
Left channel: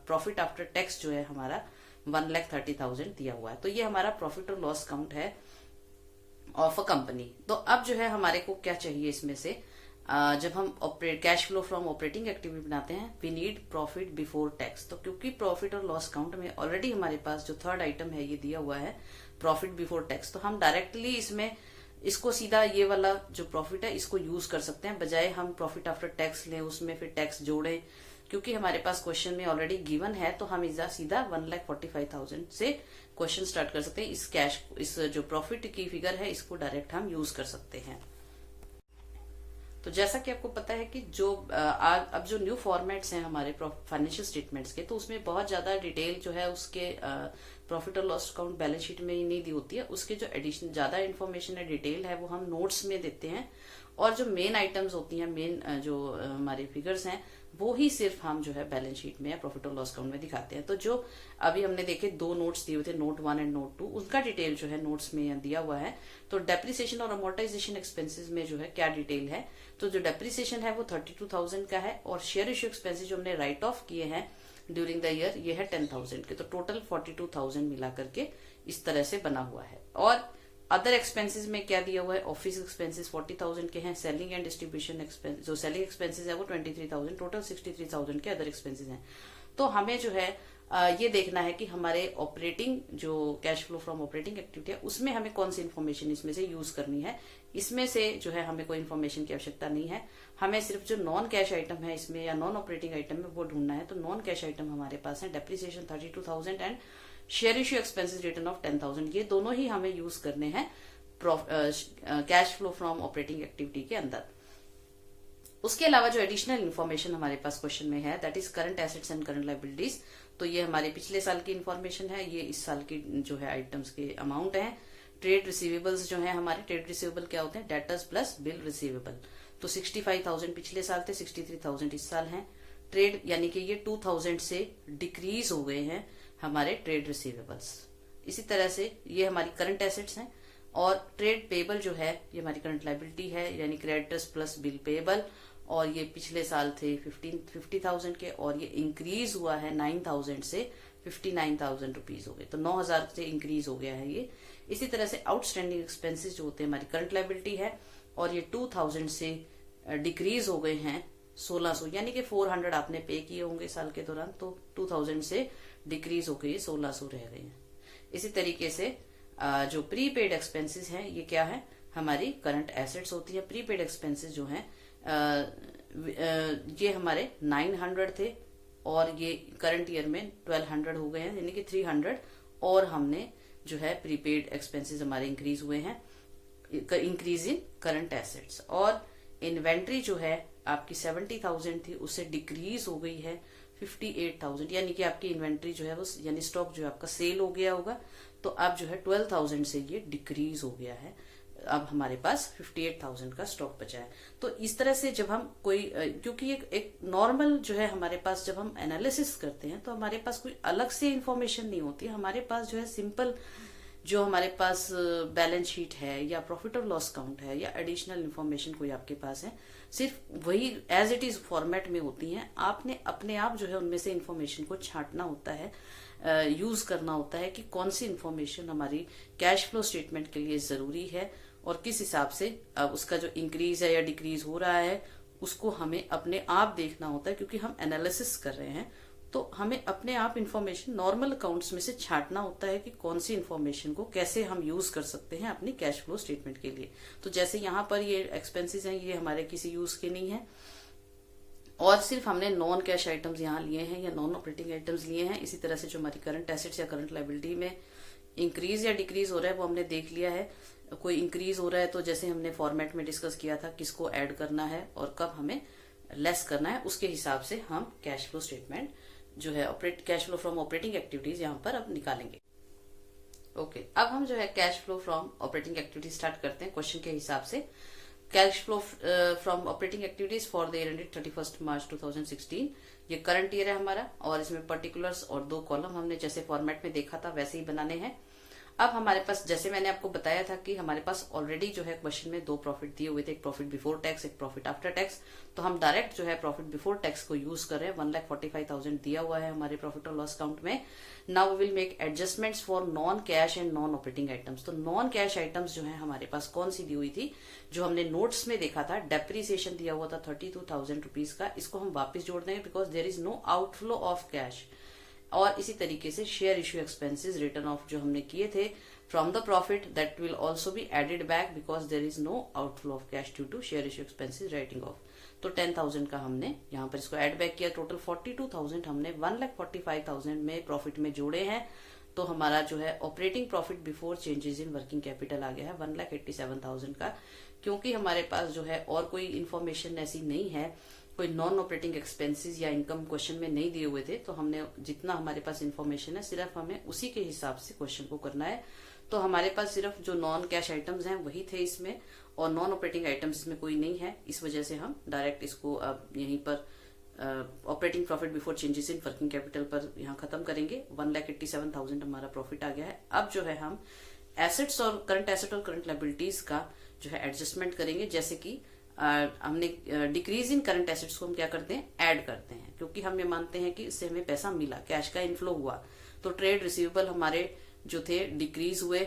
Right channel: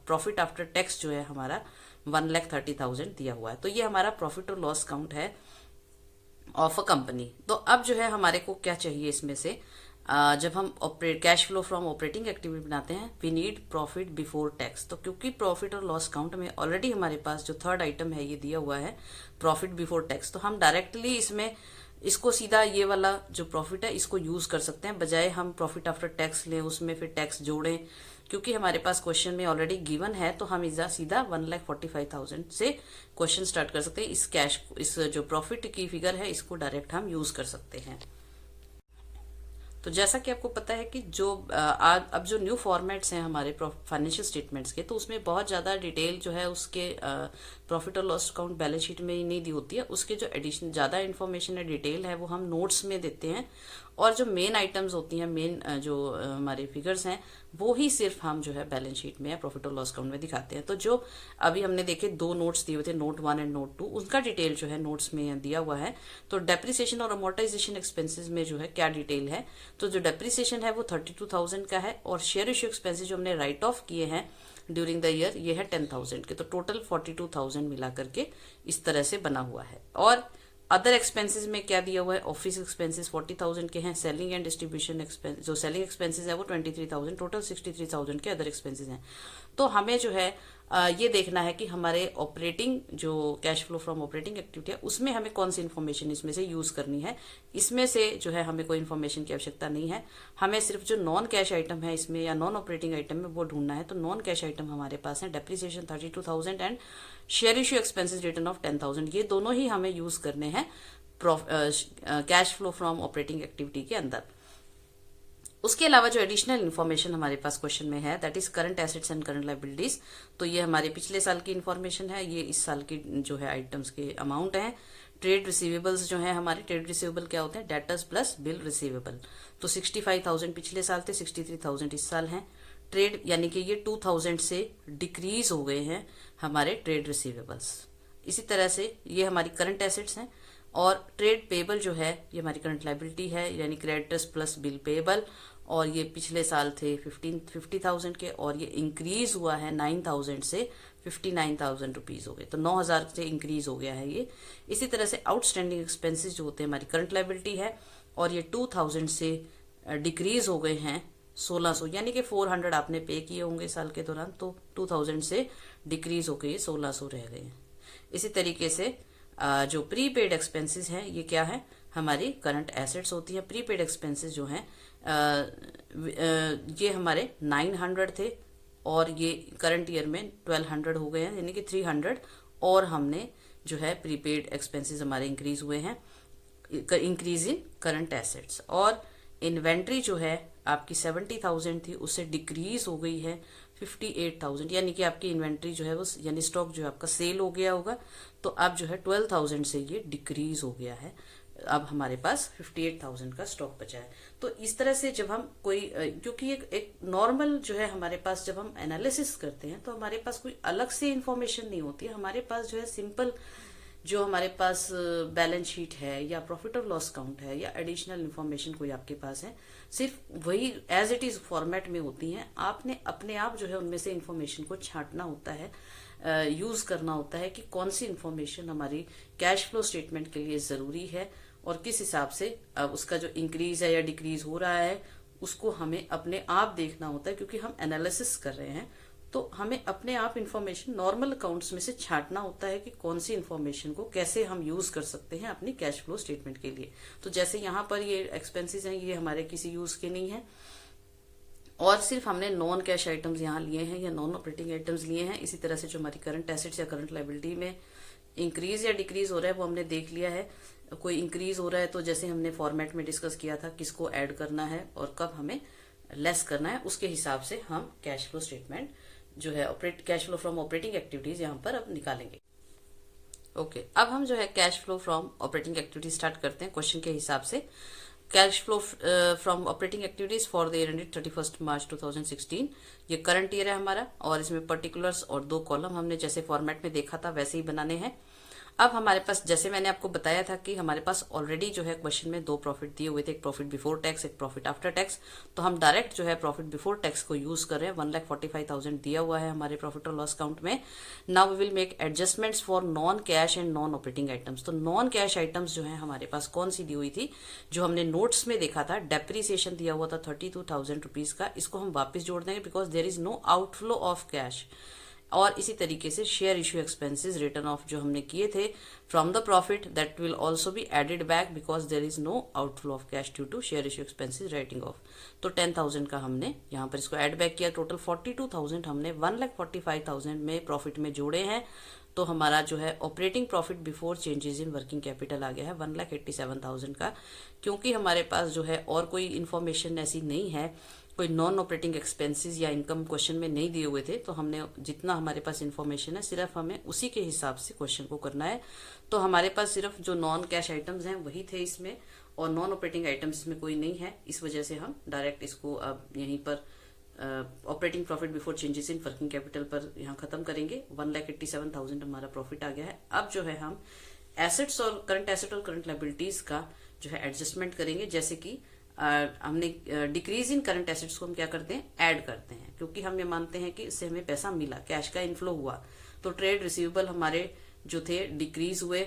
प्रॉफिट आफ्टर टैक्स जो है हमारा 1,30,000 दिया हुआ है। तो ये हमारा प्रॉफिट और लॉस अकाउंट है ऑफ अ कंपनी। तो अब जो है हमारे को क्या चाहिए इसमें से, जब हम cash flow from operating activity बनाते हैं, we need profit before tax. तो क्योंकि प्रॉफिट और लॉस अकाउंट में ऑलरेडी हमारे पास जो थर्ड आइटम है ये दिया हुआ है प्रॉफिट बिफोर टैक्स, तो हम डायरेक्टली इसमें इसको सीधा ये वाला जो प्रॉफिट है इसको यूज कर सकते हैं, बजाय हम प्रॉफिट आफ्टर टैक्स लें, उसमें फिर टैक्स जोड़ें, क्योंकि हमारे पास क्वेश्चन में ऑलरेडी गिवन है तो हम सीधा 1,45,000 से क्वेश्चन स्टार्ट कर सकते हैं। इस जो प्रॉफिट की फिगर है इसको डायरेक्ट हम यूज कर सकते हैं। तो जैसा कि आपको पता है कि अब जो न्यू फॉर्मेट्स हैं हमारे फाइनेंशियल स्टेटमेंट्स के, तो उसमें बहुत ज्यादा डिटेल जो है उसके प्रॉफिट और लॉस अकाउंट बैलेंस शीट में ही नहीं दी होती है। उसके जो एडिशनल ज्यादा इन्फॉर्मेशन है, डिटेल है, वो हम नोट्स में देते हैं। और जो मेन आइटम्स होती हैं, मेन जो हमारे फिगर्स हैं, वो ही सिर्फ हम जो है बैलेंस शीट में या प्रॉफिट और लॉस अकाउंट में दिखाते हैं। तो जो अभी हमने देखे 2 नोट्स दिए हुए थे, नोट 1 एंड नोट 2, उनका डिटेल जो है नोट्स में दिया हुआ है। तो डेप्रिसिएशन और अमोर्टाइजेशन एक्सपेंसेस में जो है क्या डिटेल है, तो जो डेप्रिसिएशन है वो 32,000 का है, और शेयर इश्यू एक्सपेंसेस जो हमने राइट ऑफ किए हैं ड्यूरिंग द ईयर ये है 10,000 के। तो टोटल 42,000 मिला करके इस तरह से बना हुआ है। और अदर एक्सपेंसेस में क्या दिया हुआ है, ऑफिस एक्सपेंसेस 40,000 के हैं, सेलिंग एंड डिस्ट्रीब्यूशन एक्सपेंस जो सेलिंग एक्सपेंसेस है वो 23,000, टोटल 63,000 के अदर एक्सपेंसेस हैं। तो हमें जो है ये देखना है कि हमारे ऑपरेटिंग जो cash flow from operating activity है उसमें हमें कौन सी इन्फॉर्मेशन इसमें से यूज करनी है। इसमें से जो है हमें कोई इन्फॉर्मेशन की आवश्यकता नहीं है, हमें सिर्फ जो नॉन कैश आइटम है इसमें या नॉन ऑपरेटिंग आइटम में वो ढूंढना है। तो नॉन कैश आइटम हमारे पास है depreciation 32,000 and share issue expenses written of 10,000। ये दोनों ही हमें यूज करने हैं cash flow from operating activity के अंदर। उसके अलावा जो एडिशनल इन्फॉर्मेशन हमारे पास क्वेश्चन में है that is current assets and current liabilities. तो ये हमारे पिछले साल की इन्फॉर्मेशन है, ये इस साल की जो है आइटम्स के अमाउंट है। ट्रेड रिसीवेबल्स जो है हमारे, ट्रेड रिसीवेबल क्या होते हैं, डेटर्स प्लस बिल रिसीवेबल। तो 65,000 पिछले साल थे, 63,000 इस साल हैं। ट्रेड यानी कि ये 2,000 से डिक्रीज हो गए हैं हमारे ट्रेड रिसीवेबल्स। इसी तरह से ये हमारी करंट एसेट्स हैं, और ट्रेड पेबल जो है ये हमारी करंट लायबिलिटी है, यानी क्रेडिटर्स प्लस बिल पेबल। और ये पिछले साल थे 50,000 के, और ये इंक्रीज हुआ है 9,000 से 59,000 रुपीज हो गए। तो 9,000 से इंक्रीज हो गया है ये। इसी तरह से आउटस्टैंडिंग एक्सपेंसेस जो होते हैं हमारी करंट लायबिलिटी है, और ये 2,000 से डिक्रीज हो गए हैं 1,600, यानी कि 400 आपने पे किए होंगे साल के दौरान, तो 2,000 से डिक्रीज होकर ये 1,600 रह गए हैं। इसी तरीके से जो प्रीपेड एक्सपेंसेस हैं ये क्या है, हमारी करंट एसेट्स होती है। प्रीपेड एक्सपेंसेस जो हैं ये हमारे 900 थे, और ये करंट ईयर में 1,200 हो गए हैं, यानी कि 300 और हमने जो है प्रीपेड एक्सपेंसेस हमारे इंक्रीज हुए हैं, इंक्रीज इन करंट एसेट्स। और इन्वेंट्री जो है आपकी 70,000 थी, उससे डिक्रीज हो गई है 58,000, यानी कि आपकी इन्वेंट्री जो है वो यानी स्टॉक जो है आपका सेल हो गया होगा, तो अब जो है 12,000 से ये डिक्रीज हो गया है। अब हमारे पास 58,000 का स्टॉक बचा है। तो इस तरह से जब हम कोई क्योंकि एक नॉर्मल जो है हमारे पास जब हम एनालिसिस करते हैं तो हमारे पास कोई अलग से इंफॉर्मेशन नहीं होती है। हमारे पास जो है सिंपल जो हमारे पास बैलेंस शीट है या प्रॉफिट और लॉस अकाउंट है या एडिशनल इन्फॉर्मेशन कोई आपके पास है, सिर्फ वही एज इट इज फॉर्मेट में होती हैं। आपने अपने आप जो है उनमें से इन्फॉर्मेशन को छांटना होता है, यूज करना होता है कि कौन सी इन्फॉर्मेशन हमारी कैश फ्लो स्टेटमेंट के लिए जरूरी है, और किस हिसाब से उसका जो इंक्रीज है या डिक्रीज हो रहा है उसको हमें अपने आप देखना होता है। क्योंकि हम एनालिसिस कर रहे हैं तो हमें अपने आप इन्फॉर्मेशन नॉर्मल अकाउंट्स में से छांटना होता है कि कौन सी इन्फॉर्मेशन को कैसे हम यूज कर सकते हैं अपनी कैश फ्लो स्टेटमेंट के लिए। तो जैसे यहाँ पर ये एक्सपेंसेस हैं, ये हमारे किसी यूज के नहीं है, और सिर्फ हमने नॉन कैश आइटम्स यहाँ लिए हैं या नॉन ऑपरेटिंग आइटम्स लिए हैं। इसी तरह से जो हमारी करंट एसेट्स या करंट लायबिलिटी में इंक्रीज या डिक्रीज हो रहा है वो हमने देख लिया है। कोई इंक्रीज हो रहा है तो जैसे हमने फॉर्मेट में डिस्कस किया था किसको ऐड करना है और कब हमें लेस करना है, उसके हिसाब से हम कैश फ्लो स्टेटमेंट जो है cash flow from operating activities यहाँ पर अब निकालेंगे। ओके, अब हम जो है cash flow from operating activities start करते हैं क्वेश्चन के हिसाब से। Cash flow from operating activities for the year ended 31 मार्च 2016, ये करंट ईयर है हमारा, और इसमें पर्टिकुलर्स और 2 कॉलम हमने जैसे फॉर्मेट में देखा था वैसे ही बनाने हैं। अब हमारे पास जैसे मैंने आपको बताया था कि हमारे पास ऑलरेडी जो है क्वेश्चन में 2 प्रॉफिट दिए हुए थे, एक प्रॉफिट बिफोर टैक्स, एक प्रॉफिट आफ्टर टैक्स। तो हम डायरेक्ट जो है प्रॉफिट बिफोर टैक्स को यूज कर रहे हैं। 1,45,000 दिया हुआ है हमारे प्रॉफिट और लॉस अकाउंट में। Now we will make adjustments for non cash and non operating items. तो नॉन कैश आइटम्स जो है हमारे पास कौन सी दी हुई थी, जो हमने नोट्स में देखा था, डेप्रिसिएशन दिया हुआ था 32,000 रुपीज का, इसको हम वापस जोड़ देंगे because there is no outflow of cash. और इसी तरीके से share issue expenses written off जो हमने किए थे from the profit that will also be added back because there is no outflow of cash due to share issue expenses writing off. तो 10,000 का हमने यहाँ पर इसको ऐड बैक किया, टोटल 42,000 हमने 1,45,000 में प्रॉफिट में जोड़े हैं। तो हमारा जो है operating profit before changes in working capital आ गया है 1,87,000 का। क्योंकि हमारे पास जो है और कोई इन्फॉर्मेशन ऐसी नहीं है, कोई नॉन ऑपरेटिंग एक्सपेंसेस या इनकम क्वेश्चन में नहीं दिए हुए थे, तो हमने जितना हमारे पास इन्फॉर्मेशन है सिर्फ हमें उसी के हिसाब से क्वेश्चन को करना है। तो हमारे पास सिर्फ जो नॉन कैश आइटम्स हैं वही थे इसमें, और नॉन ऑपरेटिंग आइटम्स इसमें कोई नहीं है। इस वजह से हम डायरेक्ट इसको अब यहीं पर operating profit before changes in working capital पर यहाँ खत्म करेंगे। 1,87,000 हमारा प्रॉफिट आ गया है। अब जो है हम एसेट्स और करंट एसेट और करंट लायबिलिटीज का जो है एडजस्टमेंट करेंगे। जैसे कि हमने डिक्रीज इन करंट एसेट्स को हम क्या करते हैं, ऐड करते हैं, क्योंकि हम ये मानते हैं कि इससे हमें पैसा मिला, कैश का इनफ्लो हुआ। तो ट्रेड रिसीवेबल हमारे जो थे डिक्रीज हुए,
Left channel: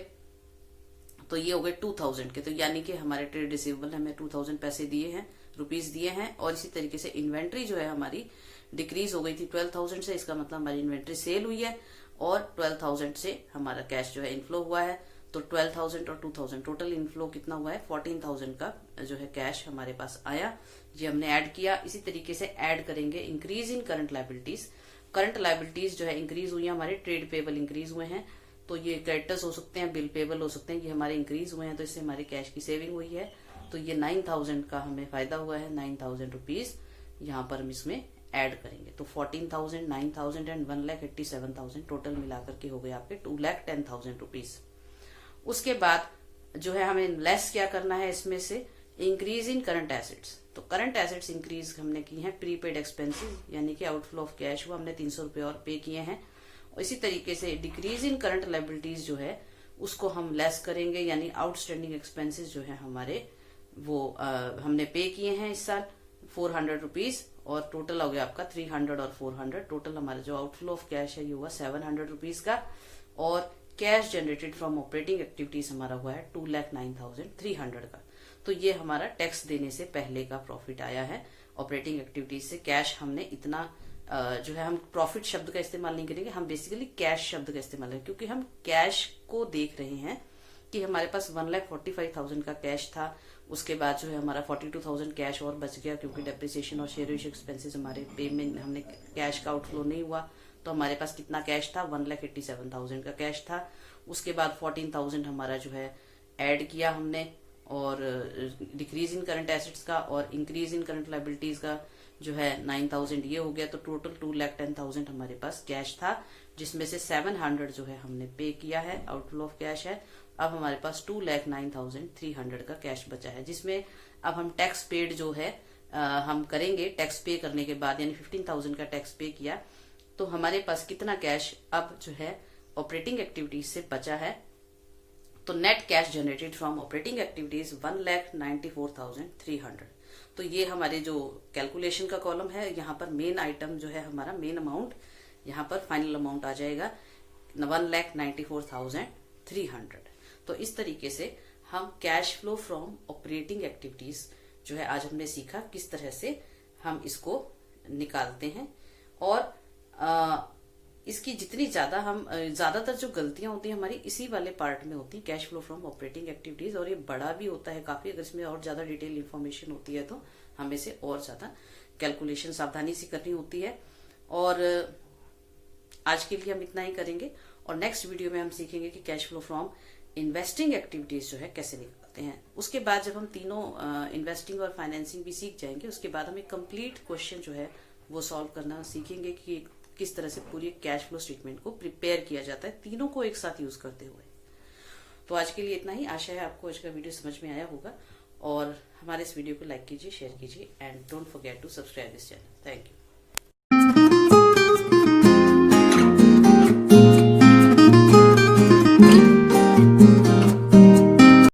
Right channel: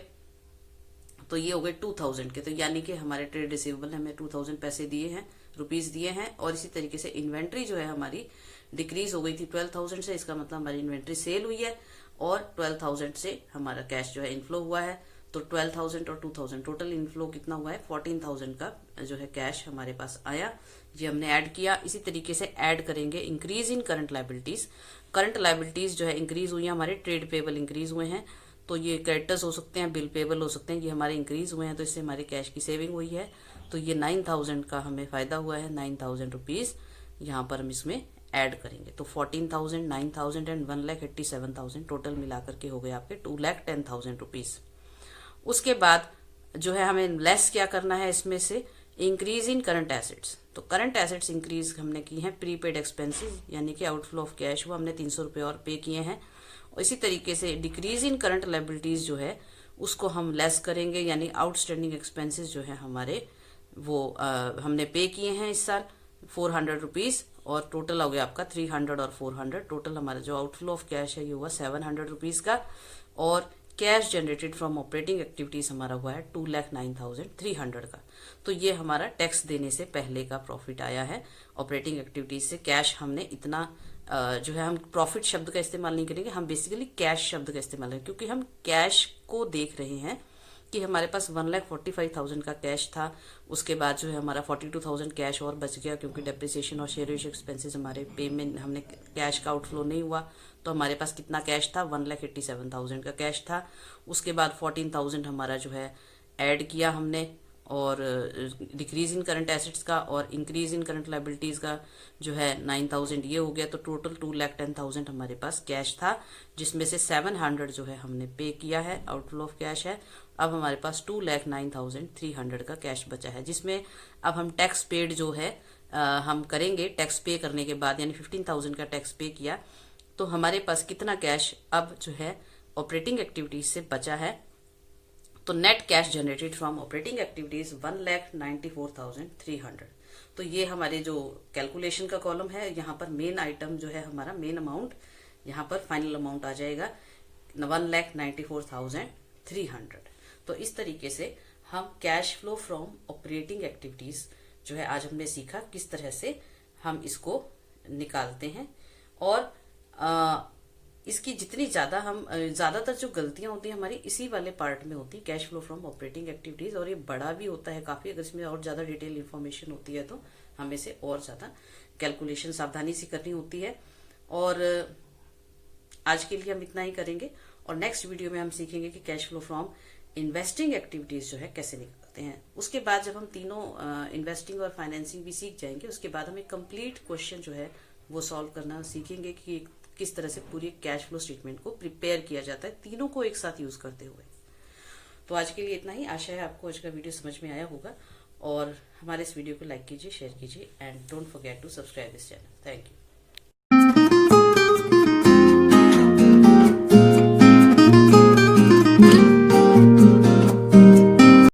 तो ये हो गए 2,000 के। तो यानी कि हमारे ट्रेड रिसीवेबल ने हमें 2,000 पैसे दिए हैं, रुपीज दिए हैं। और इसी तरीके से इन्वेंट्री जो है हमारी डिक्रीज हो गई थी 12,000 से, इसका मतलब हमारी इन्वेंट्री सेल हुई है, और 12,000 से हमारा कैश जो है इनफ्लो हुआ है। तो 12,000 और 2,000 टोटल इनफ्लो कितना हुआ है, 14,000 का जो है कैश हमारे पास आया, ये हमने ऐड किया। इसी तरीके से ऐड करेंगे increase in current liabilities. Current liabilities जो है इंक्रीज हुई है, हमारे ट्रेड पेबल इंक्रीज हुए हैं, तो ये क्रेडिटर्स हो सकते हैं, बिल पेबल हो सकते हैं, ये हमारे इंक्रीज हुए हैं, तो इससे हमारे कैश की सेविंग हुई है। तो ये 9,000 का हमें फायदा हुआ है, 9,000 रुपीज यहाँ पर हम इसमें ऐड करेंगे। तो 14,000, 9,000 एंड 1,87,000 टोटल मिलाकर के हो गए आपके 2,10,000 रुपीज। उसके बाद जो है हमें लेस क्या करना है इसमें से, इंक्रीज इन करंट एसेट्स। तो करंट एसेट्स इंक्रीज हमने की है प्रीपेड एक्सपेंसेस, यानी कि आउटफ्लो ऑफ कैश वो हमने 300 रुपए और पे किए हैं। और इसी तरीके से डिक्रीज इन करंट लायबिलिटीज जो है उसको हम लेस करेंगे, यानी आउटस्टैंडिंग एक्सपेंसेस जो है हमारे वो हमने पे किए हैं इस साल 400 रुपीज, और टोटल हो गया आपका 300 और 400, टोटल हमारा जो आउटफ्लो ऑफ कैश है ये हुआ 700 रुपीज का। और cash generated from operating activities हमारा हुआ है 2,09,300 का। तो ये हमारा टैक्स देने से पहले का प्रॉफिट आया है ऑपरेटिंग एक्टिविटीज से। कैश हमने इतना जो है, हम प्रॉफिट शब्द का इस्तेमाल नहीं करेंगे, हम बेसिकली कैश शब्द का इस्तेमाल करेंगे, क्योंकि हम कैश को देख रहे हैं कि हमारे पास 1,45,000 का कैश था। उसके बाद जो है हमारा 42,000 कैश और बच गया, क्योंकि डेप्रिसिएशन और शेयर इश्यू एक्सपेंसेस हमारे पेमेंट, हमने कैश का आउटफ्लो नहीं हुआ। तो हमारे पास कितना कैश था, 1,87,000 का कैश था। उसके बाद 14,000 हमारा जो है ऐड किया हमने, और डिक्रीज इन करंट एसेट्स का और इंक्रीज इन करंट लायबिलिटीज का जो है 9,000 ये हो गया। तो टोटल 2,10,000 हमारे पास कैश था, जिसमें से 700 जो है हमने पे किया है, आउटफ्लो ऑफ कैश है। अब हमारे पास 2,09,300 का कैश बचा है, जिसमें अब हम टैक्स पेड जो है हम करेंगे। टैक्स पे करने के बाद यानी 15,000 का टैक्स पे किया, तो हमारे पास कितना कैश अब जो है ऑपरेटिंग एक्टिविटीज से बचा है। तो net cash generated from operating activities 1,94,300। तो ये हमारे जो कैलकुलेशन का कॉलम है, यहाँ पर मेन आइटम जो है हमारा मेन अमाउंट, यहाँ पर फाइनल अमाउंट आ जाएगा 1,94,300। तो इस तरीके से हम cash flow from operating activities जो है आज हमने सीखा किस तरह से हम इसको निकालते हैं। और इसकी जितनी ज्यादा हम ज्यादातर जो गलतियां होती हैं हमारी इसी वाले पार्ट में होती है, cash flow from operating activities, और ये बड़ा भी होता है काफी। अगर इसमें और ज्यादा डिटेल इन्फॉर्मेशन होती है तो हमें से और ज्यादा कैलकुलेशन सावधानी से करनी होती है। और आज के लिए हम इतना ही करेंगे, और नेक्स्ट वीडियो में हम सीखेंगे कि cash flow from investing activities जो है कैसे निकालते हैं। उसके बाद जब हम तीनों इन्वेस्टिंग और फाइनेंसिंग भी सीख जाएंगे, उसके बाद हम एक कंप्लीट क्वेश्चन जो है वो सॉल्व करना सीखेंगे कि किस तरह से पूरी कैश फ्लो स्टेटमेंट को प्रिपेयर किया जाता है, तीनों को एक साथ यूज करते हुए। तो आज के लिए इतना ही। आशा है आपको आज का वीडियो समझ में आया होगा, और हमारे इस वीडियो को लाइक कीजिए, शेयर कीजिए, and don't forget to subscribe this channel. Thank you.